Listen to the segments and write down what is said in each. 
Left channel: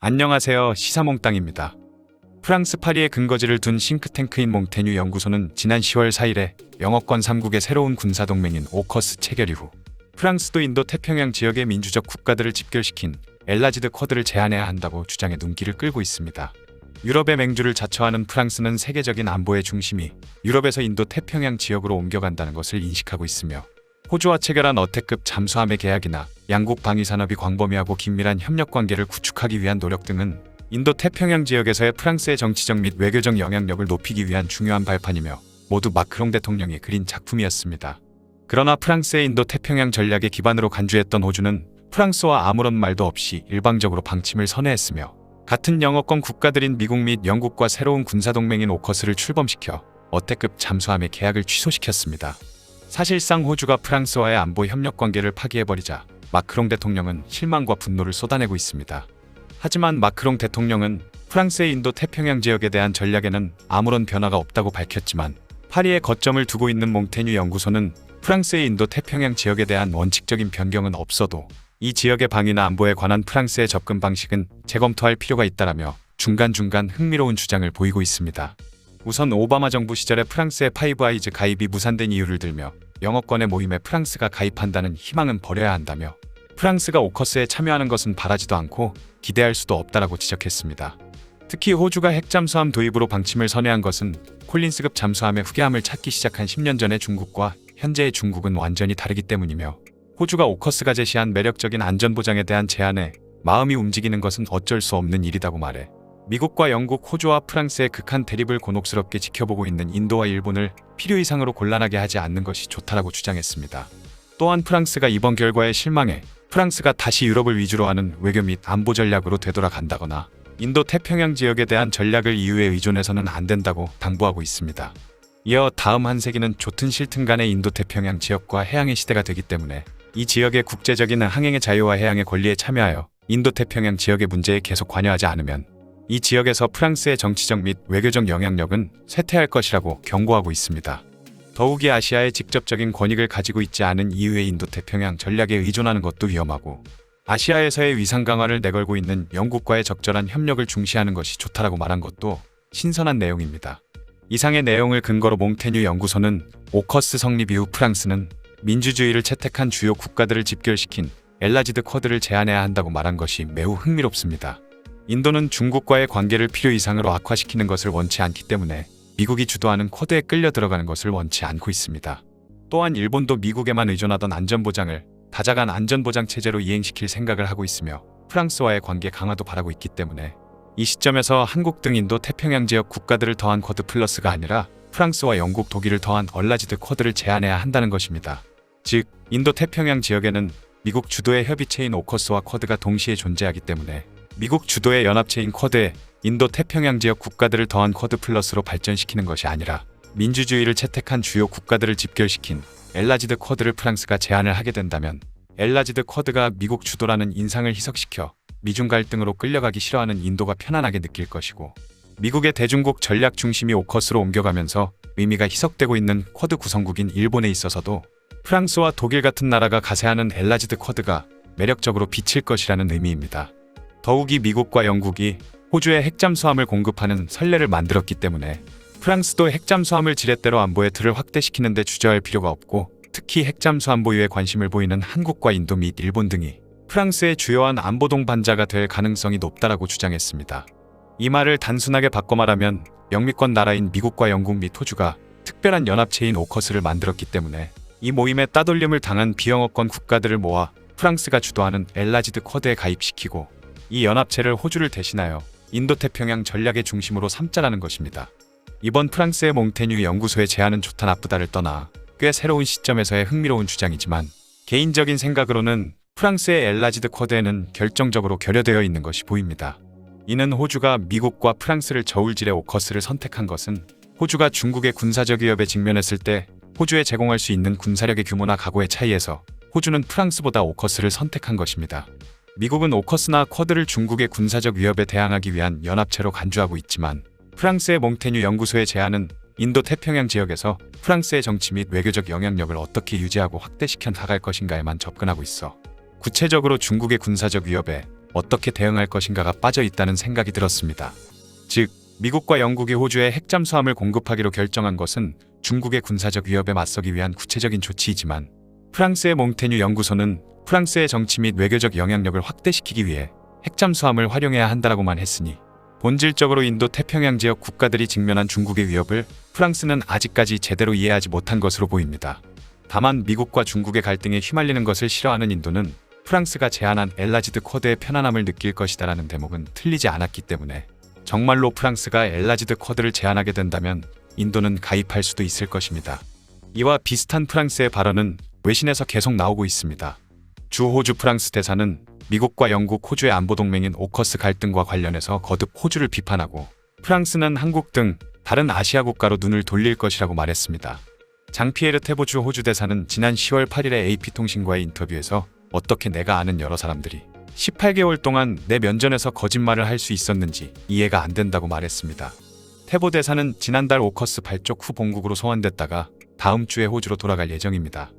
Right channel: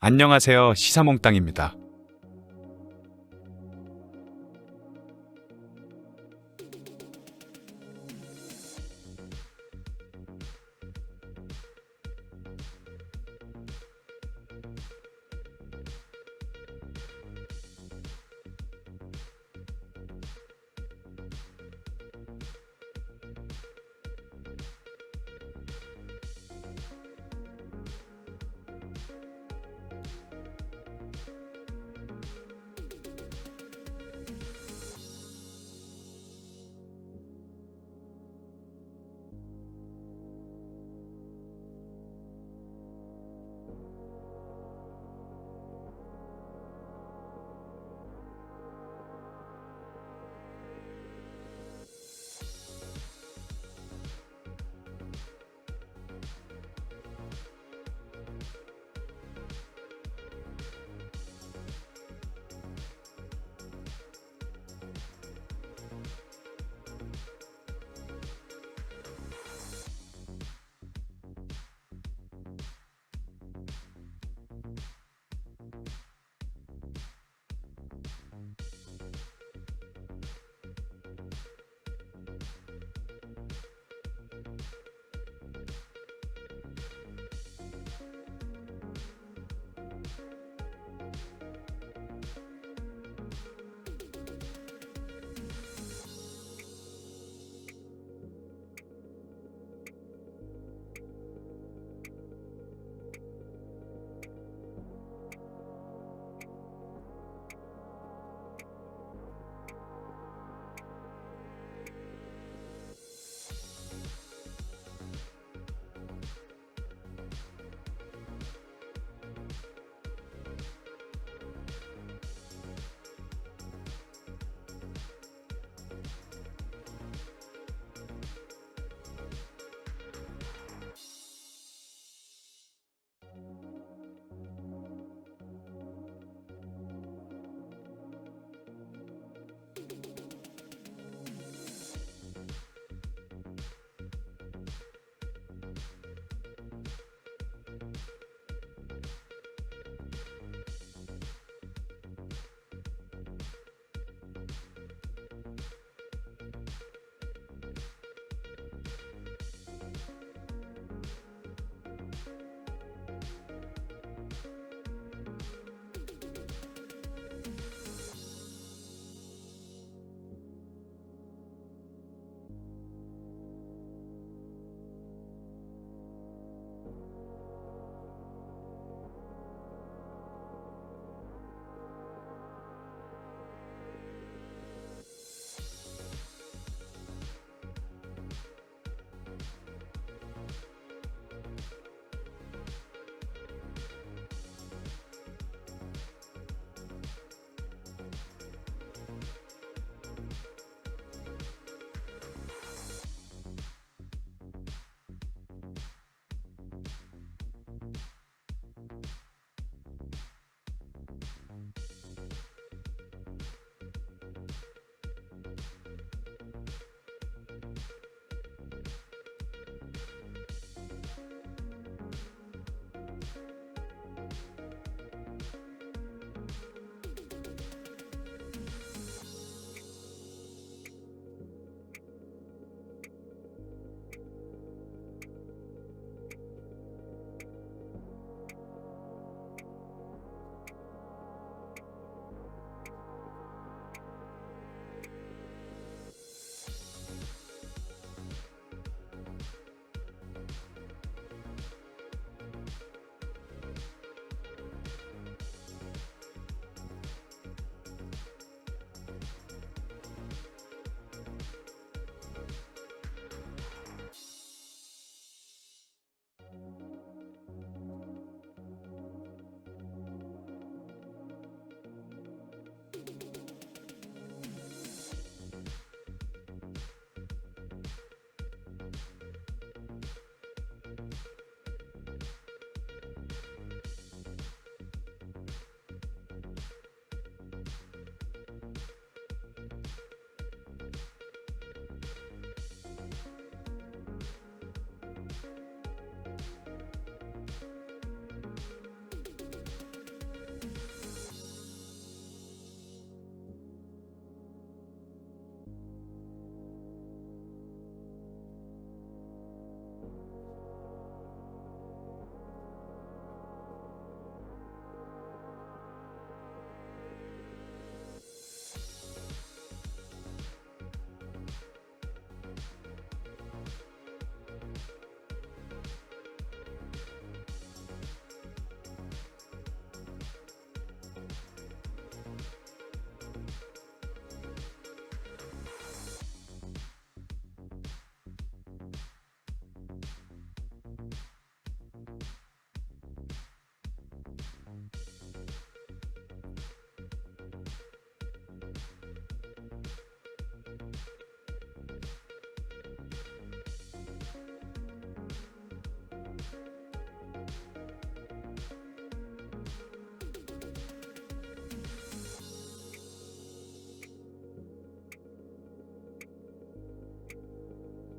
안녕하세요. 시사몽땅입니다. 프랑스 파리에 근거지를 둔 싱크탱크인 몽테뉴 연구소는 지난 10월 4일에 영어권 3국의 새로운 군사동맹인 오커스 체결 이후 프랑스도 인도 태평양 지역의 민주적 국가들을 집결시킨 엘라지드 쿼드를 제한해야 한다고 주장해 눈길을 끌고 있습니다. 유럽의 맹주를 자처하는 프랑스는 세계적인 안보의 중심이 유럽에서 인도 태평양 지역으로 옮겨간다는 것을 인식하고 있으며 호주와 체결한 어택급 잠수함의 계약이나 양국 방위산업이 광범위하고 긴밀한 협력관계를 구축하기 위한 노력 등은 인도 태평양 지역에서의 프랑스의 정치적 및 외교적 영향력을 높이기 위한 중요한 발판이며 모두 마크롱 대통령이 그린 작품이었습니다. 그러나 프랑스의 인도 태평양 전략의 기반으로 간주했던 호주는 프랑스와 아무런 말도 없이 일방적으로 방침을 선회했으며 같은 영어권 국가들인 미국 및 영국과 새로운 군사동맹인 오커스를 출범시켜 어택급 잠수함의 계약을 취소시켰습니다. 사실상 호주가 프랑스와의 안보 협력 관계를 파기해버리자 마크롱 대통령은 실망과 분노를 쏟아내고 있습니다. 하지만 마크롱 대통령은 프랑스의 인도 태평양 지역에 대한 전략에는 아무런 변화가 없다고 밝혔지만 파리에 거점을 두고 있는 몽테뉴 연구소는 프랑스의 인도 태평양 지역에 대한 원칙적인 변경은 없어도 이 지역의 방위나 안보에 관한 프랑스의 접근 방식은 재검토할 필요가 있다라며 중간중간 흥미로운 주장을 보이고 있습니다. 우선 오바마 정부 시절에 프랑스의 파이브 아이즈 가입이 무산된 이유를 들며 영어권의 모임에 프랑스가 가입한다는 희망은 버려야 한다며 프랑스가 오커스에 참여하는 것은 바라지도 않고 기대할 수도 없다라고 지적했습니다. 특히 호주가 핵잠수함 도입으로 방침을 선회한 것은 콜린스급 잠수함의 후계함을 찾기 시작한 10년 전의 중국과 현재의 중국은 완전히 다르기 때문이며 호주가 오커스가 제시한 매력적인 안전보장에 대한 제안에 마음이 움직이는 것은 어쩔 수 없는 일이라고 말해 미국과 영국, 호주와 프랑스의 극한 대립을 곤혹스럽게 지켜보고 있는 인도와 일본을 필요 이상으로 곤란하게 하지 않는 것이 좋다라고 주장했습니다. 또한 프랑스가 이번 결과에 실망해 프랑스가 다시 유럽을 위주로 하는 외교 및 안보 전략으로 되돌아간다거나 인도 태평양 지역에 대한 전략을 EU에 의존해서는 안 된다고 당부하고 있습니다. 이어 다음 한 세기는 좋든 싫든 간의 인도 태평양 지역과 해양의 시대가 되기 때문에 이 지역의 국제적인 항행의 자유와 해양의 권리에 참여하여 인도 태평양 지역의 문제에 계속 관여하지 않으면 이 지역에서 프랑스의 정치적 및 외교적 영향력은 쇠퇴할 것이라고 경고하고 있습니다. 더욱이 아시아의 직접적인 권익을 가지고 있지 않은 EU의 인도 태평양 전략에 의존하는 것도 위험하고 아시아에서의 위상 강화를 내걸고 있는 영국과의 적절한 협력을 중시하는 것이 좋다라고 말한 것도 신선한 내용입니다. 이상의 내용을 근거로 몽테뉴 연구소는 오커스 성립 이후 프랑스는 민주주의를 채택한 주요 국가들을 집결시킨 엘라지드 쿼드를 제한해야 한다고 말한 것이 매우 흥미롭습니다. 인도는 중국과의 관계를 필요 이상으로 악화시키는 것을 원치 않기 때문에 미국이 주도하는 쿼드에 끌려 들어가는 것을 원치 않고 있습니다. 또한 일본도 미국에만 의존하던 안전보장을 다자간 안전보장 체제로 이행시킬 생각을 하고 있으며 프랑스와의 관계 강화도 바라고 있기 때문에 이 시점에서 한국 등 인도 태평양 지역 국가들을 더한 쿼드 플러스가 아니라 프랑스와 영국, 독일을 더한 얼라지드 쿼드를 제한해야 한다는 것입니다. 즉, 인도 태평양 지역에는 미국 주도의 협의체인 오커스와 쿼드가 동시에 존재하기 때문에 미국 주도의 연합체인 쿼드에 인도 태평양 지역 국가들을 더한 쿼드 플러스로 발전시키는 것이 아니라 민주주의를 채택한 주요 국가들을 집결시킨 엘라지드 쿼드를 프랑스가 제안을 하게 된다면 엘라지드 쿼드가 미국 주도라는 인상을 희석시켜 미중 갈등으로 끌려가기 싫어하는 인도가 편안하게 느낄 것이고 미국의 대중국 전략 중심이 오커스로 옮겨가면서 의미가 희석되고 있는 쿼드 구성국인 일본에 있어서도 프랑스와 독일 같은 나라가 가세하는 엘라지드 쿼드가 매력적으로 비칠 것이라는 의미입니다. 더욱이 미국과 영국이 호주에 핵잠수함을 공급하는 선례를 만들었기 때문에 프랑스도 핵잠수함을 지렛대로 안보의 틀을 확대시키는 데 주저할 필요가 없고 특히 핵잠수함 보유에 관심을 보이는 한국과 인도 및 일본 등이 프랑스의 주요한 안보 동반자가 될 가능성이 높다라고 주장했습니다. 이 말을 단순하게 바꿔 말하면 영미권 나라인 미국과 영국 및 호주가 특별한 연합체인 오커스를 만들었기 때문에 이 모임에 따돌림을 당한 비영어권 국가들을 모아 프랑스가 주도하는 엘라지드 쿼드에 가입시키고 이 연합체를 호주를 대신하여 인도태평양 전략의 중심으로 삼자라는 것입니다. 이번 프랑스의 몽테뉴 연구소의 제안은 좋다 나쁘다를 떠나 꽤 새로운 시점에서의 흥미로운 주장이지만 개인적인 생각으로는 프랑스의 엘라지드 쿼드에는 결정적으로 결여되어 있는 것이 보입니다. 이는 호주가 미국과 프랑스를 저울질해 오커스를 선택한 것은 호주가 중국의 군사적 위협에 직면했을 때 호주에 제공할 수 있는 군사력의 규모나 각오의 차이에서 호주는 프랑스보다 오커스를 선택한 것입니다. 미국은 오커스나 쿼드를 중국의 군사적 위협에 대항하기 위한 연합체로 간주하고 있지만 프랑스의 몽테뉴 연구소의 제안은 인도 태평양 지역에서 프랑스의 정치 및 외교적 영향력을 어떻게 유지하고 확대시켜 나갈 것인가에만 접근하고 있어 구체적으로 중국의 군사적 위협에 어떻게 대응할 것인가가 빠져 있다는 생각이 들었습니다. 즉, 미국과 영국이 호주에 핵잠수함을 공급하기로 결정한 것은 중국의 군사적 위협에 맞서기 위한 구체적인 조치이지만, 프랑스의 몽테뉴 연구소는 프랑스의 정치 및 외교적 영향력을 확대시키기 위해 핵잠수함을 활용해야 한다라고만 했으니, 본질적으로 인도 태평양 지역 국가들이 직면한 중국의 위협을 프랑스는 아직까지 제대로 이해하지 못한 것으로 보입니다. 다만 미국과 중국의 갈등에 휘말리는 것을 싫어하는 인도는 프랑스가 제안한 엘라지드 쿼드의 편안함을 느낄 것이다라는 대목은 틀리지 않았기 때문에, 정말로 프랑스가 엘라지드 쿼드를 제안하게 된다면 인도는 가입할 수도 있을 것입니다. 이와 비슷한 프랑스의 발언은 외신에서 계속 나오고 있습니다. 주 호주 프랑스 대사는 미국과 영국, 호주의 안보 동맹인 오커스 갈등과 관련해서 거듭 호주를 비판하고, 프랑스는 한국 등 다른 아시아 국가로 눈을 돌릴 것이라고 말했습니다. 장피에르 테보 주 호주 대사는 지난 10월 8일에 AP통신과의 인터뷰에서 어떻게 내가 아는 여러 사람들이 18개월 동안 내 면전에서 거짓말을 할 수 있었는지 이해가 안 된다고 말했습니다. 테보 대사는 지난달 오커스 발족 후 본국으로 소환됐다가 다음 주에 호주로 돌아갈 예정입니다.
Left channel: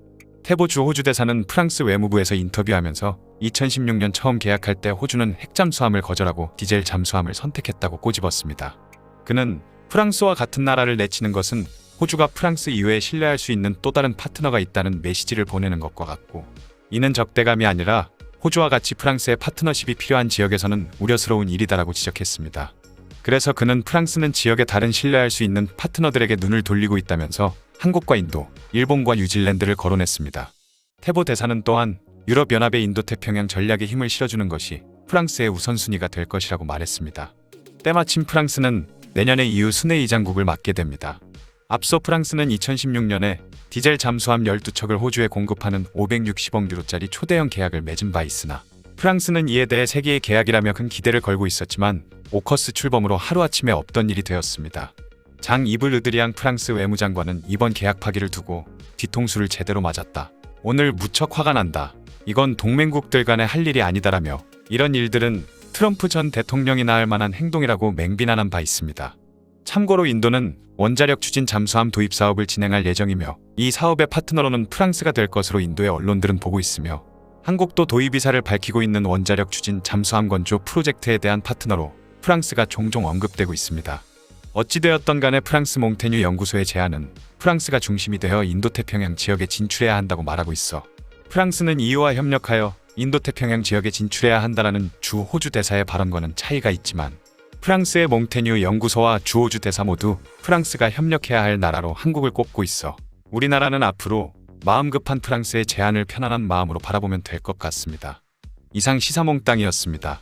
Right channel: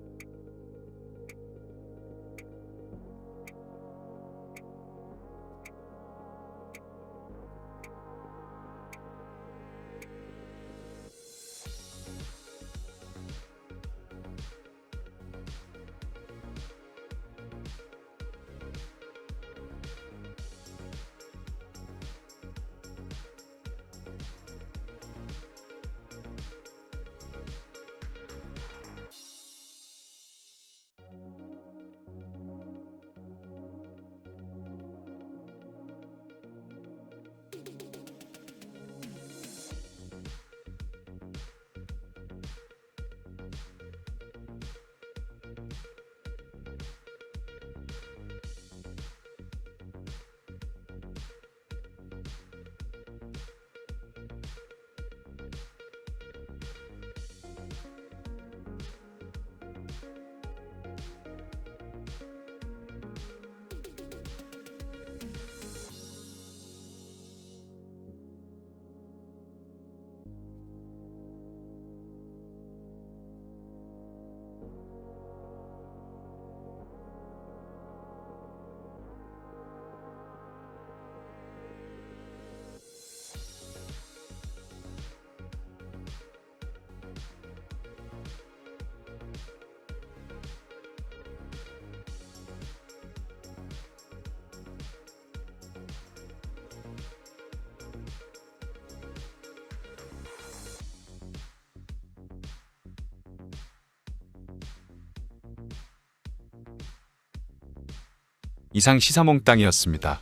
테보 주 호주 대사는 프랑스 외무부에서 인터뷰하면서 2016년 처음 계약할 때 호주는 핵잠수함을 거절하고 디젤 잠수함을 선택했다고 꼬집었습니다. 그는 프랑스와 같은 나라를 내치는 것은 호주가 프랑스 이외에 신뢰할 수 있는 또 다른 파트너가 있다는 메시지를 보내는 것과 같고, 이는 적대감이 아니라 호주와 같이 프랑스의 파트너십이 필요한 지역에서는 우려스러운 일이다라고 지적했습니다. 그래서 그는 프랑스는 지역의 다른 신뢰할 수 있는 파트너들에게 눈을 돌리고 있다면서 한국과 인도, 일본과 뉴질랜드를 거론했습니다. 테보 대사는 또한 유럽연합의 인도태평양 전략에 힘을 실어주는 것이 프랑스의 우선순위가 될 것이라고 말했습니다. 때마침 프랑스는 내년에 EU 순회의장국을 맡게 됩니다. 앞서 프랑스는 2016년에 디젤 잠수함 12척을 호주에 공급하는 560억 유로짜리 초대형 계약을 맺은 바 있으나, 프랑스는 이에 대해 세계의 계약이라며 큰 기대를 걸고 있었지만 오커스 출범으로 하루아침에 없던 일이 되었습니다. 장 이브 르드리앙 프랑스 외무장관은 이번 계약 파기를 두고 뒤통수를 제대로 맞았다. 오늘 무척 화가 난다. 이건 동맹국들 간의 할 일이 아니다라며, 이런 일들은 트럼프 전 대통령이나 할 만한 행동이라고 맹비난한 바 있습니다. 참고로 인도는 원자력 추진 잠수함 도입 사업을 진행할 예정이며, 이 사업의 파트너로는 프랑스가 될 것으로 인도의 언론들은 보고 있으며, 한국도 도입 의사를 밝히고 있는 원자력 추진 잠수함 건조 프로젝트에 대한 파트너로 프랑스가 종종 언급되고 있습니다. 어찌되었던 간에 프랑스 몽테뉴 연구소의 제안은 프랑스가 중심이 되어 인도태평양 지역에 진출해야 한다고 말하고 있어, 프랑스는 EU와 협력하여 인도태평양 지역에 진출해야 한다라는 주 호주 대사의 발언과는 차이가 있지만, 프랑스의 몽테뉴 연구소와 주 호주 대사 모두 프랑스가 협력해야 할 나라로 한국을 꼽고 있어, 우리나라는 앞으로 마음 급한 프랑스의 제안을 편안한 마음으로 바라보면 될 것 같습니다. 이상 시사몽땅이었습니다.